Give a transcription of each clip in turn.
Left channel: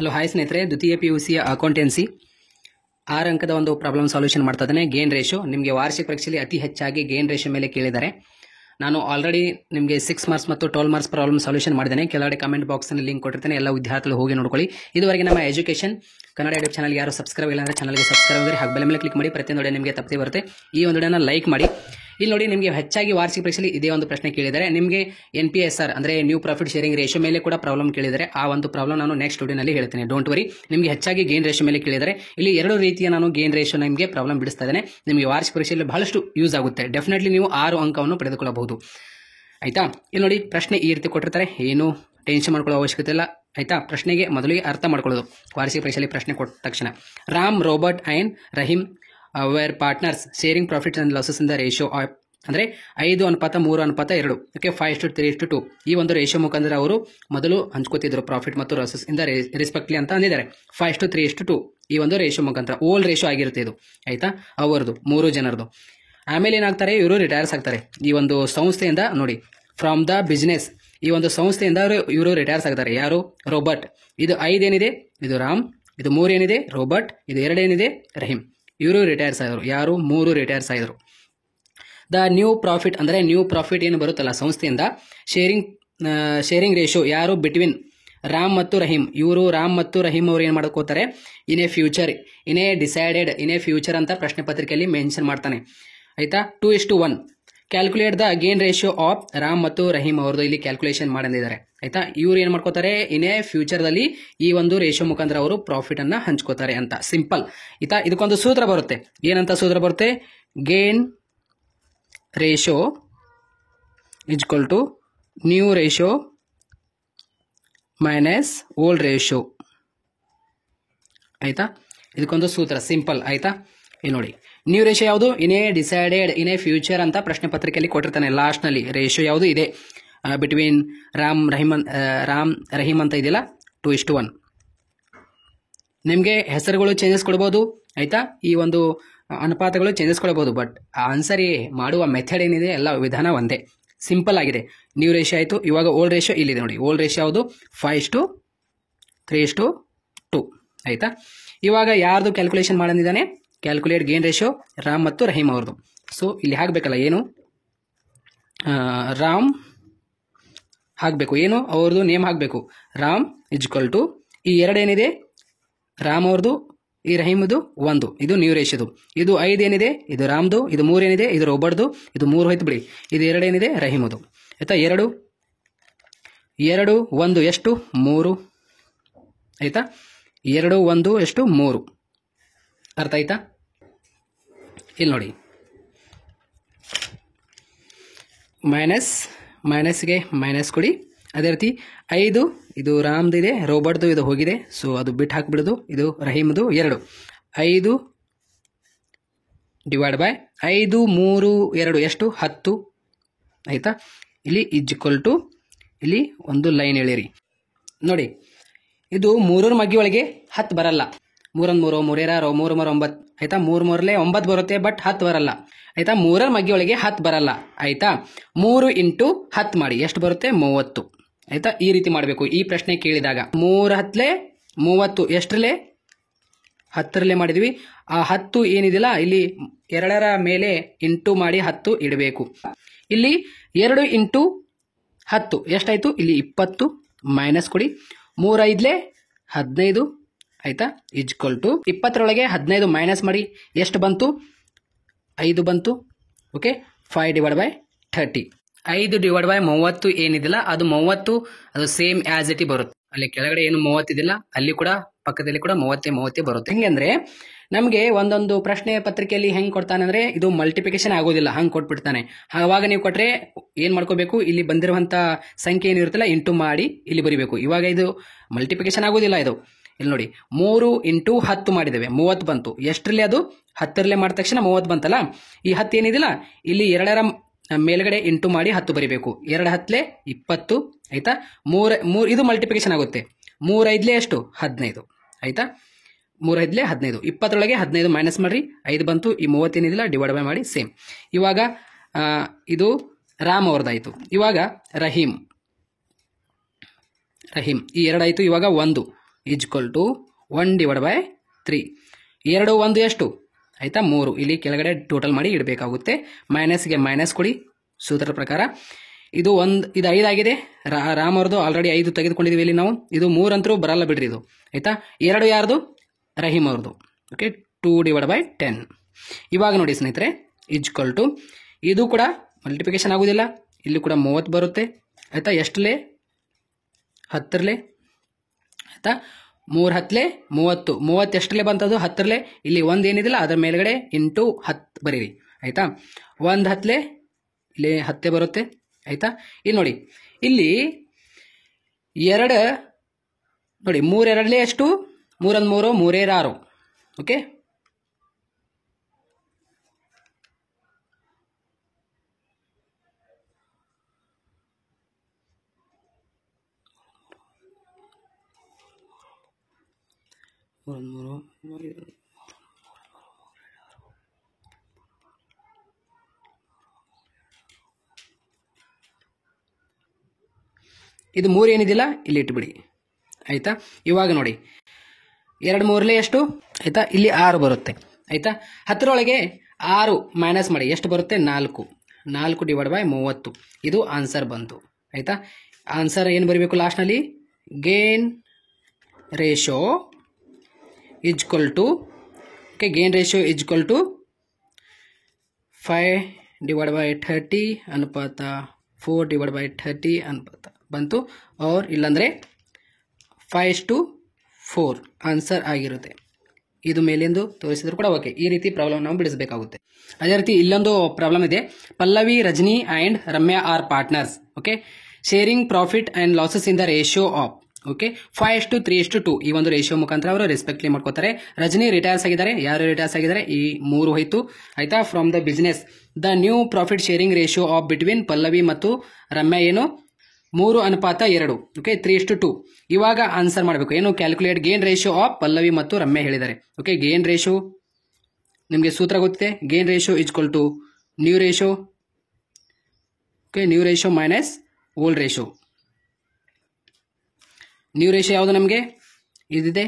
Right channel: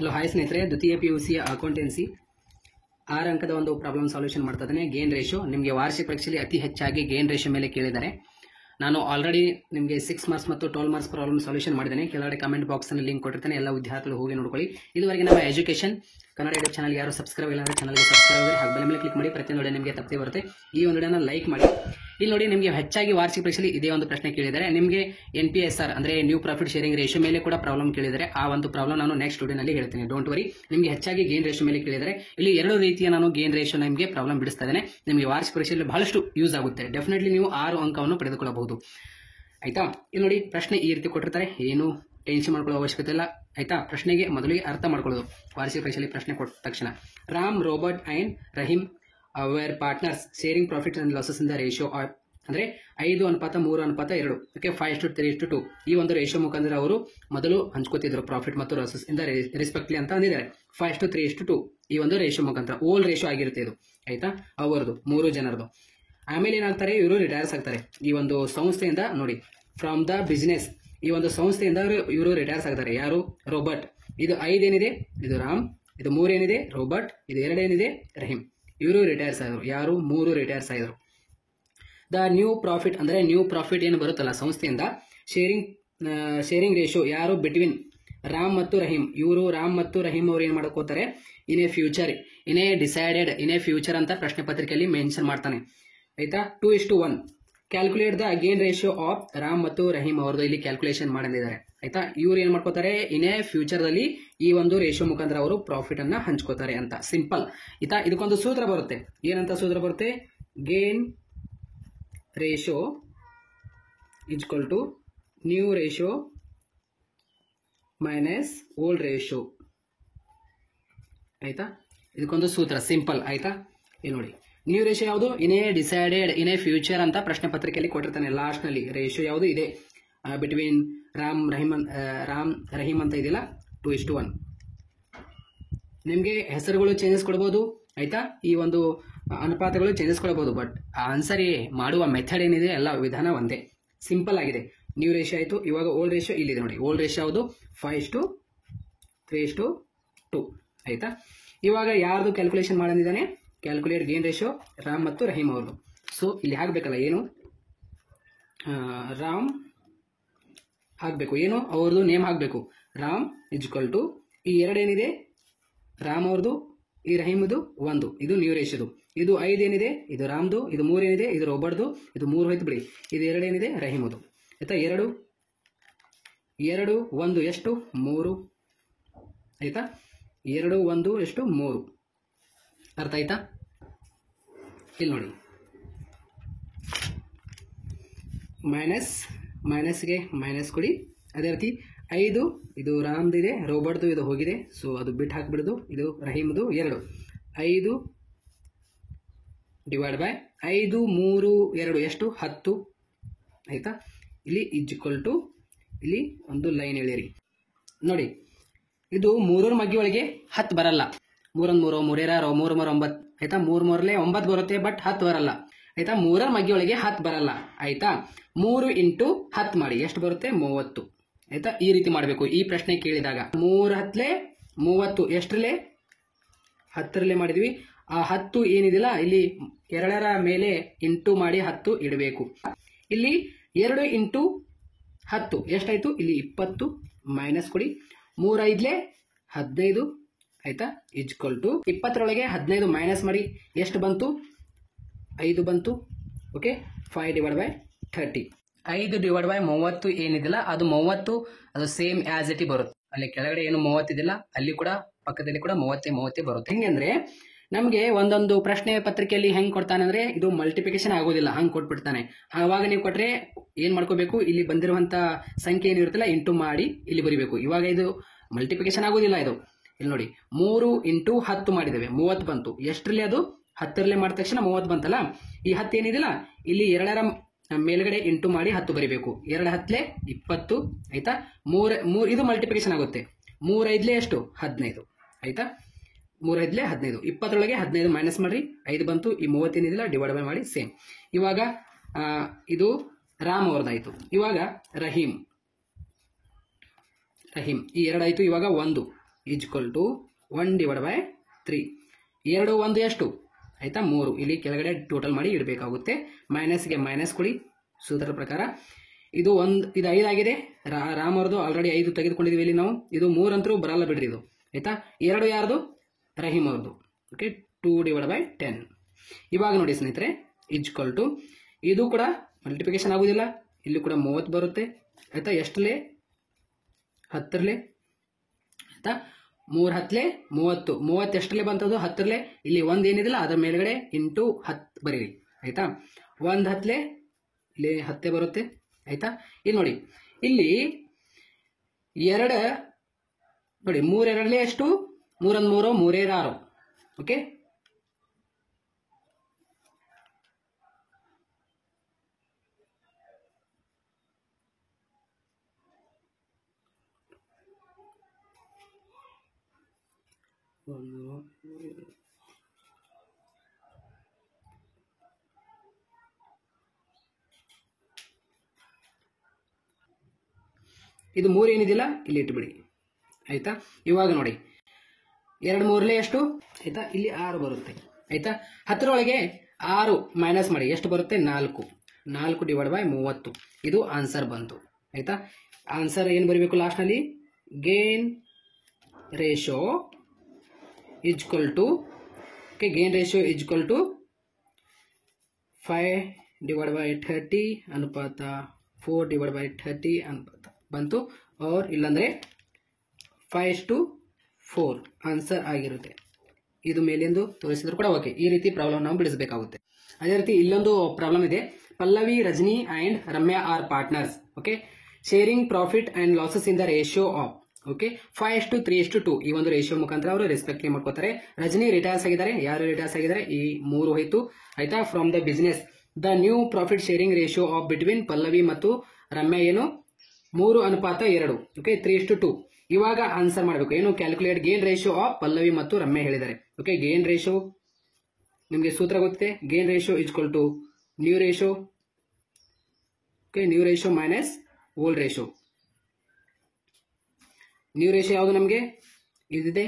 Hello hi ಸ್ನೇಹಿತರೆ, ದ್ವಿತೀಯ PUC accountancy 6 ಅಂಕದ ಒಂದು ಪ್ರಾಬ್ಲಮ್ ಸಾಲ್ಯೂಷನ್ ಮಾಡ್ತಾ ಇದ್ದೇನೆ. ಗೇನ್ ರೇಷಿಯೋ ನಿಮಗೆ ವಾರ್ಷಿಕ ಪರೀಕ್ಷೆಯಲ್ಲಿ ಅತಿ ಹೆಚ್ಚಾಗಿ ಗೇನ್ ರೇಷಿಯೋ ಮೇಲೆ ಕೇಳಿದ್ದಾರೆ. ನಾನು ಆಲ್ರೆಡಿ ನಿಮಗೆ 6 ಮಾರ್ಕ್ಸ್ ಮತ್ತು 12 ಮಾರ್ಕ್ಸ್ ಪ್ರಾಬ್ಲಮ್ ಸಾಲ್ಯೂಷನ್ ಮಾಡಿದ್ದೇನೆ. ಕೆಳಗಡೆ ಕಮೆಂಟ್ ಬಾಕ್ಸ್ನಲ್ಲಿ ಲಿಂಕ್ ಕೊಟ್ಟಿರ್ತೇನೆ, ಎಲ್ಲ ವಿದ್ಯಾರ್ಥಿಗಳು ಹೋಗಿ ನೋಡ್ಕೊಳ್ಳಿ. ಇದುವರೆಗೆ ನಮ್ಮ ಎಜುಕೇಷನ್ ಕನ್ನಡ ಯೂಟ್ಯೂಬ್ ಚಾನಲ್ ಯಾರು ಸಬ್ಸ್ಕ್ರೈಬ್ ಇಲ್ಲ ಅಂದರೆ ಚಾನಲ್ಗೆ ಸಬ್ಸ್ಕ್ರೈಬ್ ಮಾಡಿ, ಹಾಗೆ ಬೆಲ್ ಮೇಲೆ ಕ್ಲಿಕ್ ಮಾಡಿ. ಪ್ರತಿಯೊಂದು ವಿಡಿಯೋ ನಿಮಗೆ ತಪ್ಪದೆ ಬರುತ್ತೆ. ಈ ಒಂದು ವಿಡಿಯೋನ ಲೈಕ್ ಮಾಡಿ. ಇಲ್ಲಿ ನೋಡಿ, ನಿಮಗೆ ಹೆಚ್ಚಾಗಿ ವಾರ್ಷಿಕ ಪರೀಕ್ಷೆಯಲ್ಲಿ ಇದೇ ಒಂದು ಪ್ರಶ್ನೆ ಕೇಳಿದ್ದಾರೆ. ನಿಮಗೆ NPSR ಅಂದರೆ ನ್ಯೂ ಪ್ರಾಫಿಟ್ ಶೇರಿಂಗ್ ರೇಷಿಯೋ ಮೇಲೆ ಕೂಡ ಪ್ರಾಬ್ಲಮ್ ಕೇಳಿದರೆ ಆ ಒಂದು ಪ್ರಾಬ್ಲಮ್ ನಾನು ನೆಕ್ಸ್ಟ್ ವಿಡಿಯೋನಲ್ಲಿ ಹೇಳ್ತೇನೆ. Don't worry. ನಿಮಗೆ ಹೆಚ್ಚಾಗಿ ಗೇನ್ ರೇಷಿಯೋ ಮೇಲೆ ಕೇಳಿದರೆ ಇಲ್ಲಿ 2 ರೀತಿಯ ನಾನು ಗೇನ್ ರೇಷಿಯೋ ನಿಮಗೆ ಪ್ರಾಬ್ಲಮ್ ಬಿಡಿಸ್ತಾ ಇದ್ದೇನೆ. ನಿಮಗೆ ವಾರ್ಷಿಕ ಪರೀಕ್ಷೆಯಲ್ಲಿ ಬಹಳಷ್ಟು ಯೂಸ್ ಆಗುತ್ತೆ. ಡೆಫಿನೆಟ್ಲಿ ನೀವು 6 ಅಂಕವನ್ನು ಪಡೆದುಕೊಳ್ಳಬಹುದು. ಆಯ್ತಾ? ಇಲ್ಲಿ ನೋಡಿ, ಪ್ರಶ್ನೆ ಈ ರೀತಿ ಕೊಟ್ಟಿರ್ತಾರೆ. ಏನು ಟೆನ್ಷನ್ ಮಾಡ್ಕೊಳ್ಳೋ ಅವಶ್ಯಕತೆ ಇಲ್ಲ. ಆಯ್ತಾ? ಪ್ರಶ್ನೆಗೆ ಮೊದಲಿಗೆ ಅರ್ಥ ಮಾಡ್ಕೊಳ್ಳೋದು. ವಾರ್ಷಿಕ ಪರೀಕ್ಷೆಯಲ್ಲಿ ಪ್ರಶ್ನೆ ಕೊಟ್ಟ ತಕ್ಷಣ Ram, Robert and Rahim were partners sharing profit and losses in the ratio ಅಂದರೆ 5:3:2. ಓಕೆ, 5:3:2 ಈ ಒಂದು ರೇಷಿಯೋ ಮುಖಾಂತರ ಅವರು ಮೊದಲು ಹಂಚ್ಕೋತಿದ್ರು ಪ್ರಾಫಿಟ್ ಮತ್ತು ಲಾಸಸ್ ಇಂದ ರೆಸ್ಪೆಕ್ಟ್ಲಿ ಅಂತ ಅಂದಿದ್ದಾರೆ. 5:3:2 ಈ ಒಂದು ರೇಷಿಯೋ ಮುಖಾಂತರ ಓಲ್ಡ್ ರೇಷಿಯೋ ಆಗಿರುತ್ತೆ ಇದು. ಆಯ್ತಾ? ಅವರದು 3 ಜನರದು. ಆಮೇಲೆ ಏನಾಗ್ತಾರೆ, ಇವರು ರಿಟೈರ್ಸ್ ಆಗ್ತಾರೆ ಈ ಒಂದು ಸಂಸ್ಥೆಯಿಂದ. ನೋಡಿ, ಫ್ರಮ್ ದ ಬಿಸ್ನೆಸ್ ಈ ಒಂದು ಸಂಸ್ಥೆಯಿಂದ ಇವರು ರಿಟೈರ್ಸ್ ಆಗ್ತಾರೆ. ಯಾರು? ರೋಬರ್ಟ್. ಇದು 5 ಏನಿದೆ ಇದು ರಾಮ್, ಇದು 3 ಏನಿದೆ ರೋಬರ್ಟ್, ಇದು 2 ಏನಿದೆ ರಹೀಮ್. ಇವರು ರಿಟೈರ್ಸ್ ಆದರು. ಯಾರು? 3 ರಿಟೈರ್ಸ್ ಆದರು. ದ ನ್ಯೂ ಪ್ರಾಫಿಟ್ ಅಂದರೆ ನ್ಯೂ ಪ್ರಾಫಿಟ್ ಏನು ಬರುತ್ತಲ್ಲ ಸಂಸ್ಥೆಯಿಂದ, ಶೇರಿಂಗ್ ರೇಷಿಯೋ ಯಾರು? ಬಿಟ್ವೀನ್ ರಾಮ್ ಮತ್ತು ರಹೀಮ್. ಇವರು ರಾಮ್ ಮತ್ತು ರಹೀಮ್ ಅವರು ಏನು ಮಾಡ್ಕೋತಾರೆ? In a future, in a decided, in a future ಅಂತ ಪ್ರಶ್ನೆ ಪತ್ರಿಕೆಯಲ್ಲಿ ಮೆನ್ಷನ್ ಮಾಡ್ತಾನೆ. ಆಯ್ತಾ? 2:1 calculate the gain ratio of Ram ಮತ್ತು ರಹೀಮ್ ಅವ್ರದ್ದು ಇಲ್ಲಿ ಕ್ಯಾಲ್ಕುಲೇಷನ್ ಮಾಡಿದ್ದಾರೆ. ಆಯ್ತಾ? ಇವ್ರು ಏನು ಮಾಡ್ಕೋತಾರೆ? ಇನ್ ಎ ಫ್ಯೂಚರ್ದಲ್ಲಿ ಈ ಒಂದು ರೇಷಿಯೋ ಮುಖಾಂತರ ಅವರು ಪ್ರಾಫಿಟ್ ಅನ್ನ ಹಂಚ್ಕೋತಾರೆ ಅಂತ. ಸಿಂಪಲ್. ಆಯ್ತಾ? ಇದಕ್ಕೊಂದು ಸೂತ್ರ ಬರುತ್ತೆ. ಏನಂತ ಸೂತ್ರ ಬರುತ್ತೆ? Gain ratio is equal to new ratio minus old ratio. ಆಯ್ತಾ? ಇದಕ್ಕೊಂದು ಸೂತ್ರ ಸಿಂಪಲ್. ಆಯ್ತಾ? ಇಲ್ಲಿ ನೋಡಿ, ನ್ಯೂ ರೇಷಿಯೋ ಯಾವುದು? In a decided, in a future ಅಂತ ಪ್ರಶ್ನೆ ಪತ್ರಿಕೆಯಲ್ಲಿ ಕೊಟ್ಟಿರ್ತಾನೆ. ಲಾಸ್ಟ್ನಲ್ಲಿ ರೇಷಿಯೋ ಯಾವುದು ಇದೆ ಬಿಟ್ವೀನ್ ರಾಮ್ ರಹೀಮ್ ಅಂತ ಇದೆಯಲ್ಲ, 2:1. ನಿಮಗೆ ಹೆಸರುಗಳು ಚೇಂಜಸ್ ಕೊಡ್ಬೋದು. ಆಯ್ತಾ? ಈ ಒಂದು ಅನುಪಾತಗಳು ಚೇಂಜಸ್ ಕೊಡಬಹುದು. ಬಟ್ ಆನ್ಸರ್ ಮಾಡುವ ಮೆಥಡ್ ಏನಿದೆ ಎಲ್ಲ ವಿಧಾನ ಒಂದೇ, ಸಿಂಪಲ್ ಆಗಿದೆ. ನ್ಯೂ ರೇಷಿಯೋ ಆಯಿತು. ಇವಾಗ ಓಲ್ಡ್ ರೇಷಿಯೋ ಇಲ್ಲಿದೆ ನೋಡಿ. ಓಲ್ಡ್ ರೇಷಿಯೋ ಯಾವುದು? 5:3:2. ಆಯ್ತಾ? ಇವಾಗ ಯಾರ್ದು ಕ್ಯಾಲ್ಕುಲೇಷನ್ ಮಾಡಿದ್ದಾನೆ? ಕ್ಯಾಲ್ಕುಲೇಟ್ ಗೇನ್ ರೇಷಿಯೋ ರಾಮ್ ಮತ್ತು ರಹೀಮ್ ಅವ್ರದ್ದು. ಸೊ ಇಲ್ಲಿ ಹಾಕಬೇಕಲ್ಲ, ಏನು ರಾಮ್ ಹಾಕಬೇಕು, ಏನು ಅವ್ರದ್ದು ನೇಮ್ ಹಾಕಬೇಕು. ರಾಮ್ ಇಸ್ ಈಕ್ವಲ್ ಟು ಈ 2 ಏನಿದೆ ರಾಮ್ ಅವ್ರದ್ದು, ಈ ರಹೀಮ್ದು 1. ಇದು ನ್ಯೂ ರೇಷಿಯೋದು. ಇದು 5 ಏನಿದೆ ಇದು ರಾಮ್ದು, ಇದು 3 ಏನಿದೆ ಇದು ರೋಬರ್ಟ್ದು, ಇದು 3 ಹೋಯ್ತು ಬಿಡಿ. ಇದು 2 ಏನಿದೆ ರಹೀಮದು. ಆಯ್ತಾ? 2 1 ಎಷ್ಟು? 3. ಆಯ್ತಾ? 2 1 ಎಷ್ಟು? 3. ಅರ್ಥ ಆಯ್ತಾ? ಇಲ್ಲಿ ನೋಡಿ, ಮೈನಸ್ಗೆ ಮೈನಸ್ ಕೊಡಿ. ಅದೇ ರೀತಿ 5 ಇದು ರಾಮ್ದು ಇದೆ, ರೋಬರ್ಟ್ದು ಇದು ಹೋಗಿದೆ. ಸೊ ಅದು ಬಿಟ್ಟು ಹಾಕಿಬಿಡೋದು. ಇದು ರಹೀಮ್ದು 2. 5 ಡಿವೈಡ್ ಬೈ 5 3 2 ಎಷ್ಟು? 10. ಆಯಿತಾ? ಇಲ್ಲಿ ಇಸ್ ಈಕ್ವಲ್ ಟು ಇಲ್ಲಿ ಒಂದು ಲೈನ್ ಎಳೀರಿ. ನೋಡಿ, ಇದು 3 ಮಗ್ಗಿ ಒಳಗೆ 10 ಬರಲ್ಲ. 3 3 3 3 3 9. ಆಯ್ತಾ? 3 3 9 ಬರುತ್ತೆ, ಬಟ್ 10 ಬರಲ್ಲ. ಆಯ್ತಾ? 3 ಮಗ್ಗಿ ಒಳಗೆ 10 ಬರಲ್ಲ. ಆಯ್ತಾ? 3 ಇಂಟು 10 ಮಾಡಿ ಎಷ್ಟು ಬರುತ್ತೆ? 30. ಆಯ್ತಾ? ಈ ರೀತಿ ಮಾಡಬೇಕು ಈ ಪ್ರಶ್ನೆ ಕೇಳಿದಾಗ. 3 10 30 ಎಷ್ಟರಲ್ಲೇ? 10ರಲ್ಲೇ ಮಾಡಿದ್ವಿ. ಆ 10 ಏನಿದಿಲ್ಲ ಇಲ್ಲಿ 2ರ ಮೇಲೆ ಇಂಟು ಮಾಡಿ 10 ಇಡಬೇಕು. ಇಲ್ಲಿ 2 ಇಂಟು 10 ಎಷ್ಟಾಯ್ತು? ಇಲ್ಲಿ 20 ಮೈನಸ್ ಕೊಡಿ. 3 5 15. ಆಯ್ತಾ? ಇಸ್ ಈಕ್ವಲ್ ಟು 20ರೊಳಗೆ 15 ಮೈನಸ್ ಮಾಡಿ ಎಷ್ಟು ಬಂತು? 5 ಬಂತು. Okay, 5 divide by 30. 5 divide by 30 ಏನಿದಿಲ್ಲ ಅದು 30 ಅದು ಸೇಮ್ ಆಸ್ ಇಟ್ ಬರುತ್ತೆ. ಅಲ್ಲಿ ಕೆಳಗಡೆ ಏನು 30 ಇದಿಲ್ಲ ಅಲ್ಲಿ ಕೂಡ ಪಕ್ಕದಲ್ಲಿ ಕೂಡ 30 ಬರುತ್ತೆ. ಹೆಂಗಂದ್ರೆ ನಮಗೆ ಒಂದೊಂದು ಪ್ರಶ್ನೆ ಪತ್ರಿಕೆಯಲ್ಲಿ ಹೆಂಗೆ ಕೊಡ್ತಾನೆ ಅಂದರೆ ಇದು ಮಲ್ಟಿಪ್ಲಿಕೇಶನ್ ಆಗೋದಿಲ್ಲ, ಹಂಗೆ ಕೊಟ್ಬಿಡ್ತಾನೆ. ಆವಾಗ ನೀವು ಕೊಟ್ಟರೆ ಏನು ಮಾಡ್ಕೋಬೇಕು? ಇಲ್ಲಿ ಬಂದಿರುವಂಥ ಸಂಖ್ಯೆ ಏನಿರುತ್ತಲ್ಲ ಇಂಟು ಮಾಡಿ ಇಲ್ಲಿ ಬರಿಬೇಕು. ಇವಾಗ ಇದು ಮಲ್ಟಿಪ್ಲಿಕೇಶನ್ ಆಗೋದಿಲ್ಲ. ಇದು ಇಲ್ಲಿ ನೋಡಿ, 3 ಇಂಟು 10 ಮಾಡಿದ್ದೇವೆ, 30 ಬಂತು. ಎಷ್ಟರಲ್ಲಿ? ಅದು 10ರಲ್ಲೇ ಮಾಡಿದ ತಕ್ಷಣ 30 ಬಂತಲ್ಲ. ಈ 10 ಏನಿದಿಲ್ಲ ಇಲ್ಲಿ 2ರ ಮೇಲ್ಗಡೆ ಇಂಟು ಮಾಡಿ 10 ಬರಿಬೇಕು. 2 10 20. ಆಯ್ತಾ? 3 ಇದು ಮಲ್ಟಿಪ್ಲಿಕೇಶನ್ ಆಗುತ್ತೆ. 3 5 ಎಷ್ಟು? 15. ಆಯ್ತಾ? 3 5 15. 20ರೊಳಗೆ 15 ಮೈನಸ್ ಮಾಡಿರಿ, 5 ಬಂತು. ಈ 30 ಏನಿದಿಲ್ಲ ಡಿವೈಡ್ ಬೈ ಮಾಡಿ ಸೇಮ್. ಇವಾಗ ಇದು ರಾಮ್ ಅವ್ರದ್ದಾಯಿತು. ಇವಾಗ ರಹೀಮ್ ಈ 2 ಆಯಿತು. ಇವಾಗ 1 = 1/3. 2 1 ಎಷ್ಟು ಆಯಿತಾ 3. ಇಲ್ಲಿ ಕೆಳಗಡೆ ಟೋಟಲ್ ಮಾಡಿ ಇಡಬೇಕಾಗುತ್ತೆ. ಮೈನಸ್ಗೆ ಮೈನಸ್ ಕೊಡಿ ಸೂತ್ರದ ಪ್ರಕಾರ. ಇದು 5 ಆಗಿದೆ. ರಾಮ್ ಅವ್ರದ್ದು ಆಲ್ರೆಡಿ 5 ತೆಗೆದುಕೊಂಡಿದ್ದೀವಿ ಇಲ್ಲಿ ನಾವು. ಇದು 3 ಅಂತರೂ ಬರಲ್ಲ ಬಿಡ್ರಿ ಇದು ಆಯಿತಾ. 2 ಯಾರ್ದು ರಹೀಮ್ ಅವ್ರದ್ದು. ಓಕೆ 2/10. ಇವಾಗ ನೋಡಿ ಸ್ನೇಹಿತರೆ = ಇದು ಕೂಡ ಮಲ್ಟಿಪ್ಲಿಕೇಶನ್ ಆಗೋದಿಲ್ಲ. ಇಲ್ಲಿ ಕೂಡ 30 ಬರುತ್ತೆ ಆಯಿತಾ. ಎಷ್ಟಲೇ 10 ಆಯಿತಾ. 3 10 30. 30 ಎಷ್ಟಲೇ ಬಂತದು 10. ಇಲ್ಲಿ 1 ಏನಿದಿಲ್ಲ ಅದರ ಮೇಲ್ಗಡೆ ಇಂಟು 10 ಬರೀರಿ ಆಯಿತಾ. 1 10 ಇಲ್ಲಿ 10 ಬರುತ್ತೆ ಆಯಿತಾ. ಇಲ್ಲಿ ನೋಡಿ ಇಲ್ಲಿ 2 ನೋಡಿ 3 2 ಎಷ್ಟು 3 1 3 3 6. ಓಕೆ ಇದು 3 ಏನಿದಿಲ್ಲ ಇಲ್ಲಿ ಇಟ್ಬಿಡಿ ಆಯಿತಾ. ಇವಾಗ ನೋಡಿ 2 3 ಎಷ್ಟು ಆಯಿತಾ. ಇಲ್ಲಿ 6 ಬರುತ್ತೆ ಆಯಿತಾ. 10ರೊಳಗೆ 6 ಮೈನಸ್ ಮಾಡಿ ಎಷ್ಟು ಬರುತ್ತೆ 4. 4/30. ಇದು ಆನ್ಸರ್ ಬಂತು ಆಯಿತಾ. ಆನ್ಸರ್ ಏನು ಬರೀಬೇಕು ಲಾಸ್ಟ್ನಲ್ಲಿ gain ratio okay gain ratio = 5/30 ಅನುಪಾತ 4/30 ಅನುಪಾತ ಬಂತು. और ಇಲ್ಲಾಂದರೆ 5:4 ಆನ್ಸರ್ ಆಗಿರುತ್ತೆ. ಇದು ಮೇಲೆಂದು ತೋರಿಸಿದ್ರು ಕೂಡ ಓಕೆ. ಈ ರೀತಿ ಪ್ರಾಬ್ಲಮ್ ನಾವು ಬಿಡಿಸಬೇಕಾಗುತ್ತೆ. ಅದೇ ರೀತಿ ಇಲ್ಲೊಂದು ಪ್ರಾಬ್ಲಮ್ ಇದೆ. Pallavi Rajani and Ramya are partners. Okay sharing profit and losses in the ratio of okay 5:3:2 ಈ ಒಂದು ರೇಷಿಯೋ ಮುಖಾಂತರ ಅವರು ರೆಸ್ಪೆಕ್ಟ್ಲಿ ಮಾಡ್ಕೋತಾರೆ. ರಜನಿ ರಿಟೈರ್ಸ್ ಆಗಿದ್ದಾರೆ. ಯಾರು ರಿಟೈರ್ಸ್ ಆಗಿದ್ದಾರೆ ಈ 3 ಹೋಯ್ತು ಆಯ್ತಾ. From the business the new profit sharing ratio of between Pallavi ಮತ್ತು ರಮ್ಯಾ ಏನು 3:2 ಓಕೆ 3:2. ಇವಾಗ ಆನ್ಸರ್ ಮಾಡಬೇಕು ಏನು calculate gain ratio of Pallavi ಮತ್ತು ರಮ್ಯಾ ಹೇಳಿದ್ದಾರೆ. ಓಕೆ ಗೇನ್ ರೇಷಿಯೋ ನಿಮಗೆ ಸೂತ್ರ ಗೊತ್ತಿದೆ. Gain ratio = new ratio okay new ratio minus old ratio. New ratio ಯಾವುದು ನಮಗೆ ಇದಿದೆ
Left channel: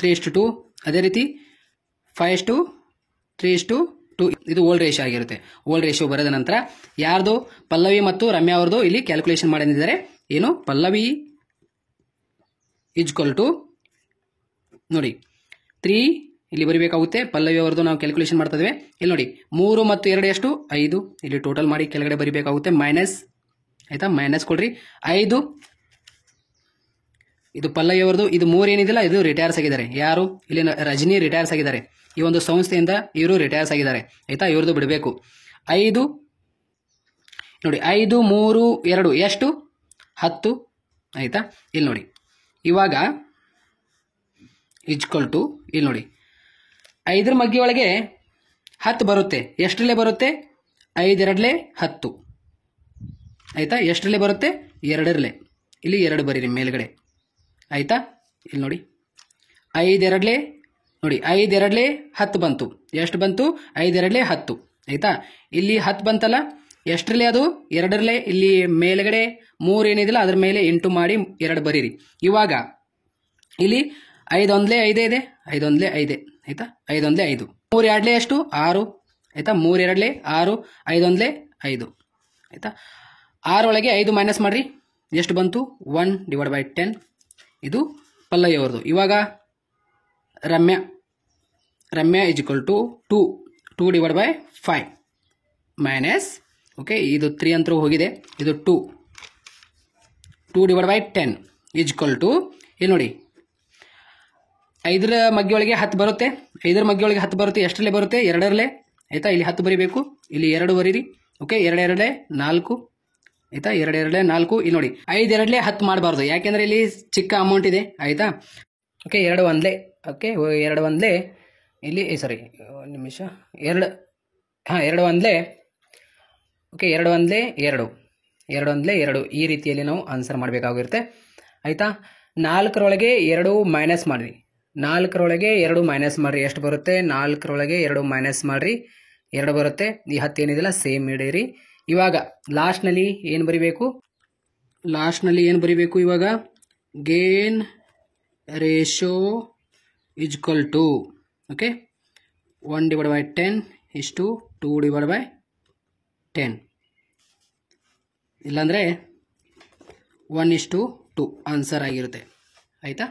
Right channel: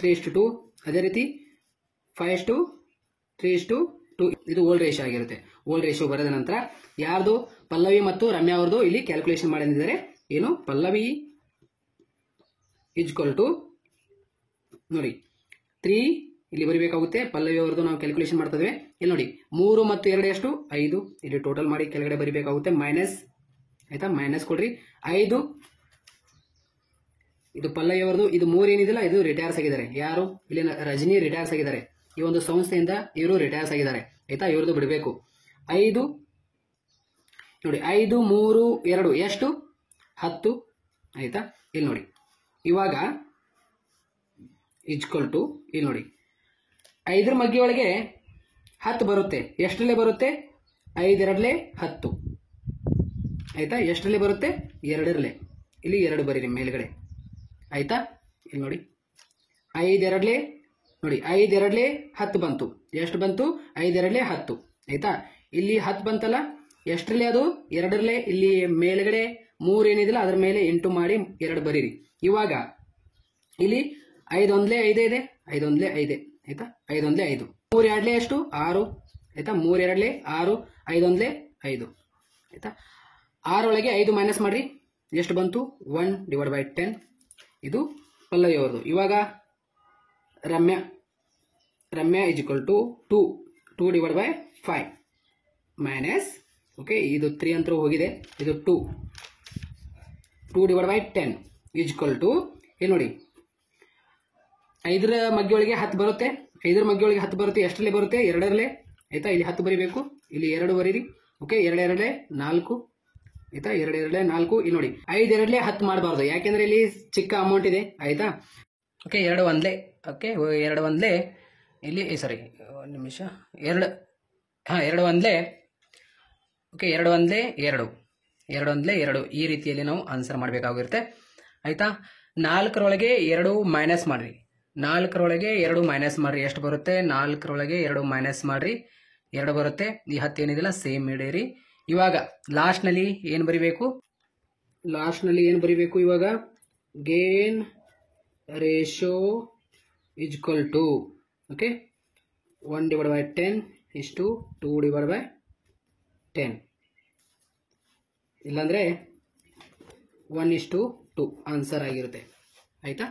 3:2. ಅದೇ ರೀತಿ 5:3:2 ಇದು ಓಲ್ಡ್ ರೇಷಿಯೋ ಆಗಿರುತ್ತೆ. ಓಲ್ಡ್ ರೇಷಿಯೋ ಬರೆದ ನಂತರ ಯಾರ್ದು ಪಲ್ಲವಿ ಮತ್ತು ರಮ್ಯಾ ಅವ್ರದ್ದು ಇಲ್ಲಿ ಕ್ಯಾಲ್ಕುಲೇಷನ್ ಮಾಡಿದ್ದಾರೆ. ಏನು ಪಲ್ಲವಿ = ನೋಡಿ 3 ಇಲ್ಲಿ ಬರೀಬೇಕಾಗುತ್ತೆ. ಪಲ್ಲವಿ ಅವ್ರದ್ದು ನಾವು ಕ್ಯಾಲ್ಕುಲೇಷನ್ ಮಾಡ್ತಾ ಇದ್ದೇವೆ. ಇಲ್ಲಿ ನೋಡಿ 3 ಮತ್ತು 2 ಎಷ್ಟು 5. ಇಲ್ಲಿ ಟೋಟಲ್ ಮಾಡಿ ಕೆಳಗಡೆ ಬರೀಬೇಕಾಗುತ್ತೆ ಮೈನಸ್ ಆಯಿತಾ. ಮೈನಸ್ ಕೊಡ್ರಿ 5. ಇದು ಪಲ್ಲವಿ ಅವ್ರದ್ದು. ಇದು 3 ಏನಿದಿಲ್ಲ ಇದು ರಿಟೈರ್ಸ್ ಆಗಿದ್ದಾರೆ. ಯಾರು ಇಲ್ಲಿ ರಜನಿ ರಿಟೈರ್ಸ್ ಆಗಿದ್ದಾರೆ. ಈ ಒಂದು ಸಂಸ್ಥೆಯಿಂದ ಇವರು ರಿಟೈರ್ಸ್ ಆಗಿದ್ದಾರೆ ಆಯಿತಾ. ಇವ್ರದ್ದು ಬಿಡಬೇಕು 5 ನೋಡಿ 5 3 2 ಎಷ್ಟು 10 ಆಯಿತಾ. ಇಲ್ಲಿ ನೋಡಿ ಇವಾಗ = ಇಲ್ಲಿ ನೋಡಿ 5ರ ಮಗ್ಗಿ ಒಳಗೆ 10 ಬರುತ್ತೆ. ಎಷ್ಟರಲ್ಲೇ ಬರುತ್ತೆ 5 2 10 ಆಯಿತಾ. ಎಷ್ಟರಲ್ಲೇ ಬರುತ್ತೆ 2ರಲ್ಲೇ. ಇಲ್ಲಿ 2 ಬರೀರಿ ಮೇಲ್ಗಡೆ ಆಯಿತಾ. ಇಲ್ಲಿ ನೋಡಿ 5 2 ನೋಡಿ 5 2 10 ಬಂತು. ಎಷ್ಟು ಬಂತು 5 2 10 ಆಯಿತಾ. ಇಲ್ಲಿ 10 ಬಂತಲ್ಲ ಎಷ್ಟರಲ್ಲೇ ಅದು 2ರಲ್ಲೇ. ಇಲ್ಲಿ ಮೇಲ್ಗಡೆ 3 ಏನಿದಿಲ್ಲ ಅದ್ರ ಮೇಲೆ ಇಂಟು ಮಾಡಿ 2 ಬರೀರಿ. ಇವಾಗ ಇಲ್ಲಿ 5 1 5 ಇದೆ 5 1 5 ಆಯಿತಾ. 5 1 5 3 2 ಎಷ್ಟು 6 ಆಯಿತಾ. 3 2 6 5 1 5 ಆಯಿತಾ. 6 ಒಳಗೆ 5 ಮೈನಸ್ ಮಾಡಿರಿ ಎಷ್ಟು ಬಂತು 1/10. ಇದು ಪಲ್ಲವಿ ಅವ್ರದ್ದು. ಇವಾಗ ರಮ್ಯಾ = 2/5 ಮೈನಸ್ ಓಕೆ ಇದು 3 ಅಂತರೂ ಹೋಗಿದೆ. ಇದು 2/10 = ಇಲ್ಲಿ ನೋಡಿ 5ರ ಮಗ್ಗಿ ಒಳಗೆ 10 ಬರುತ್ತೆ. 5ರ ಮಗ್ಗಿ ಒಳಗೆ 10 ಬರುತ್ತೆ. ಎಷ್ಟರಲ್ಲೇ ಬರುತ್ತೆ 2ರಲ್ಲೇ ಆಯಿತಾ. ಇಲ್ಲಿ 10 ಬರೀಬೇಕು. ಇಲ್ಲಿ 2 ಬರೀರಿ ಓಕೆ 2 2 4 ಆಯಿತಾ. 2 2 4 ಇಲ್ಲಿ ನೋಡಿ 5 2 10 ಮಾಡಬಾರ್ದು ಯಾಕೆಂದರೆ ಇಲ್ಲಿ ಚಿಕ್ಕ ಅಮೌಂಟ್ ಇದೆ ಆಯಿತಾ. ಓಕೆ 2 1 ಓಕೆ 2 1 ಇಲ್ಲಿ ಸಾರಿ ಒಂದು ನಿಮಿಷ 2 2 1 ಓಕೆ 2 1 2 2 1 2 ಈ ರೀತಿಯಲ್ಲಿ ನಾವು ಆನ್ಸರ್ ಮಾಡಬೇಕಾಗಿರುತ್ತೆ ಆಯಿತಾ. 4ರೊಳಗೆ 2 ಮೈನಸ್ ಮಾಡಿರಿ. 4ರೊಳಗೆ 2 ಮೈನಸ್ ಮಾಡಿರಿ ಎಷ್ಟು ಬರುತ್ತೆ 4ರೊಳಗೆ 2 ಮೈನಸ್ ಮಾಡಿರಿ 2 ಬರುತ್ತೆ. ಈ 10 ಏನಿದಿಲ್ಲ ಸೇಮ್ ಇಡೀರಿ. ಇವಾಗ ಲಾಸ್ಟ್ನಲ್ಲಿ ಏನು ಬರಿಬೇಕು ಇವಾಗ gain ratio is equal to okay 1/10:2/10 ಇಲ್ಲಾಂದರೆ 1:2 ಆನ್ಸರ್ ಆಗಿರುತ್ತೆ ಆಯಿತಾ.